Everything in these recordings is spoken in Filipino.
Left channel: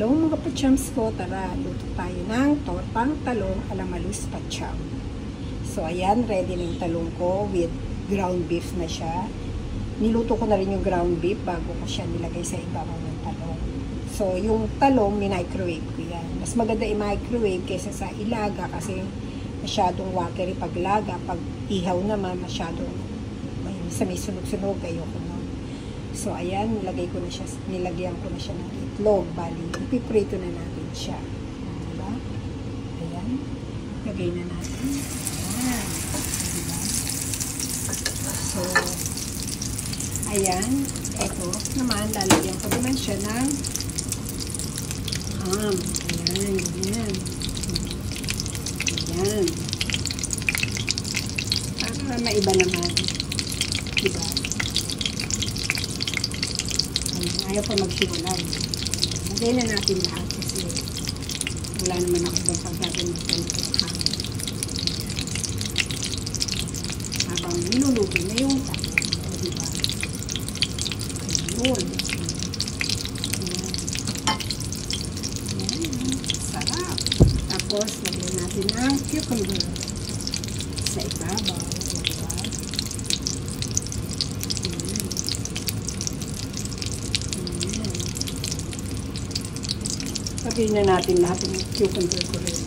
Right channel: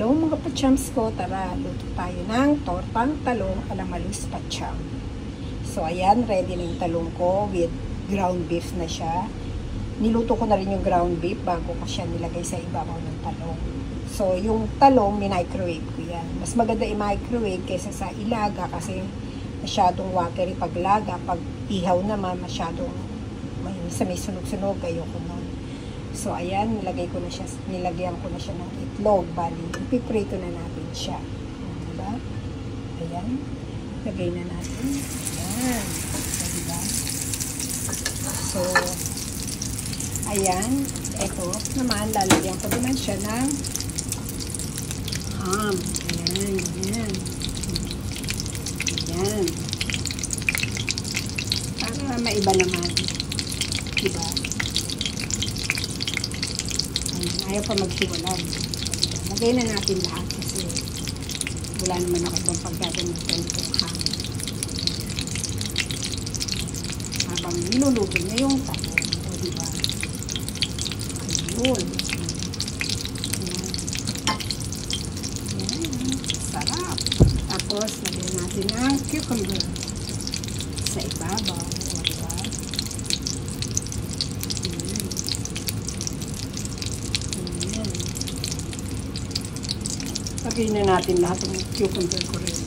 Hello mga pachams ko, tara, luto tayo ng tortang talong alamalus pacham. So ayan, ready na yung talong ko with ground beef na siya. Niluto ko na rin yung ground beef bago ko siya nilagay sa ibabaw ng talong. So yung talong, minicrowave ko yan. Mas maganda i-microwave kaysa sa ilaga kasi masyadong watery pag laga. Pag ihaw naman, masyadong may sunog-sunog, ayoko nun. So ayan, nilagyan ko na siya ng itlog. Bali, ipiprito na natin siya. Diba? Ayan. Lagay na natin. Ayan. Diba? So, ayan. Ito naman, lalagyan ko naman siya ng ham. Ayan, ayan. Ayan. Para maiba naman. Diba? Ayaw pa magsiwalan. Lagay na natin lahat kasi wala naman ako itong paggaganapin ko habang niluluto na yung talong. O diba? Ayun. Ayan. Sarap. Tapos lagyan natin ang cucumber sa ibabaw. Lagyan na natin lahat ng cucumber ko rin.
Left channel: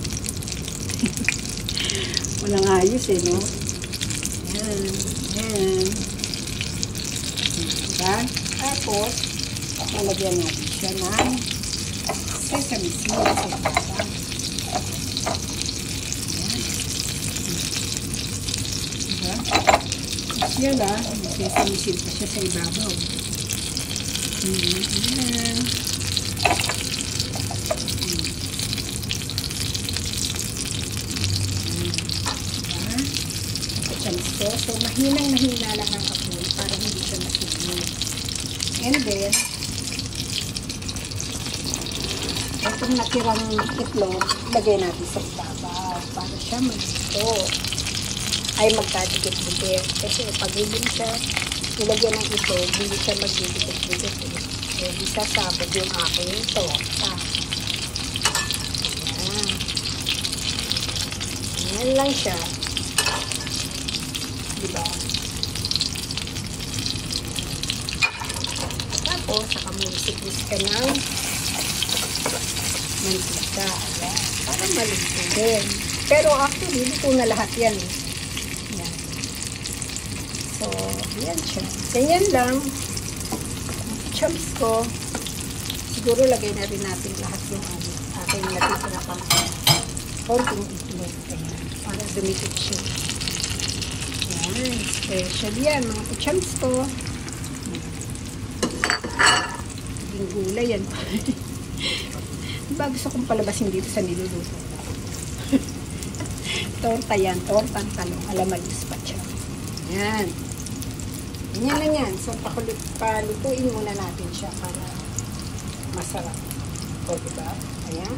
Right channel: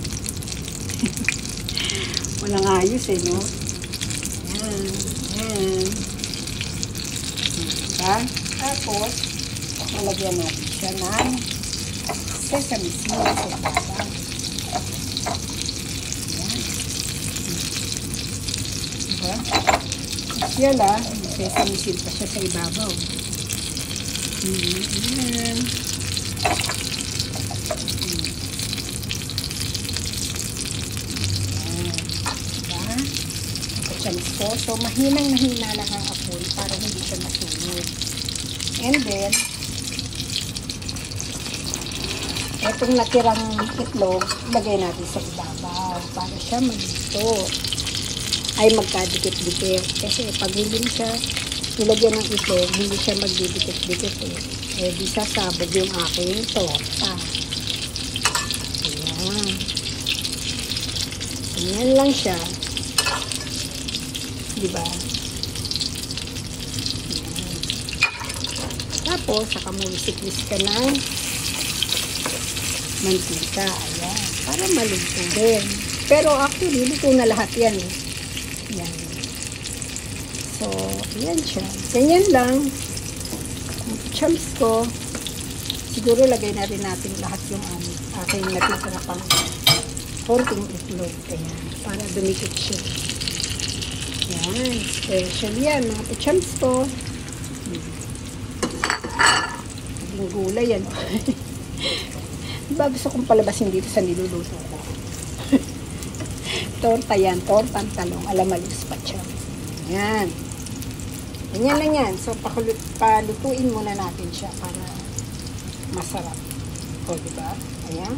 Walang ayos eh, no? Ayan. Ayan. Diba? Tapos, nalagyan natin siya ng sesame seeds sa ibabaw. Ayan. Diba? Yan ah, sesame seeds pa siya sa ibabaw. Ayan. So, mahinang-mahina lang ang apoy para hindi siya masunog. And then, itong natirang itlog, lagay natin sa ibabaw para siya masunog. Ay, magkadikit-dikit. Kasi pag hindi siya nilagyan ng itlog, hindi siya magdidikit-dikit. Hindi sasabog yung aking torta. Ayan. Ayan lang siya. Diba? Tapos, saka mo isiklis ka ng mantika. Para maluto din. Pero actually, luto na lahat yan. Yan. So, yan siya. Ganyan lang. Chums ko. Siguro lagay na rin natin lahat yung aking nakita na pala. Konting itlog ko na. Para dumikit siya. Ayan, special yan, mga kuchams ko. Gulay yan. Diba gusto kong palabasin dito sa niluluto ko? Torta yan, tortang talong alamalus pacham. Ayan. Ganyan lang yan. So, palutuin muna natin siya para masarap. Torta. Ayan.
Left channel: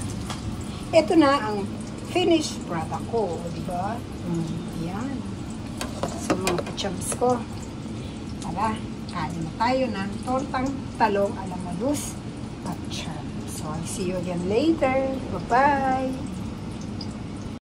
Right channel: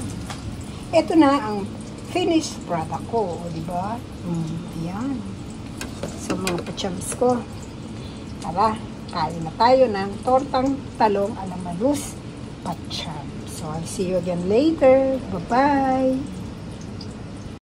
Ito na ang finished product ko. Diba? Ayan. So, mga pachams ko. Tara, kain na tayo ng tortang talong alamalus pacham. So, I'll see you again later. Bye-bye!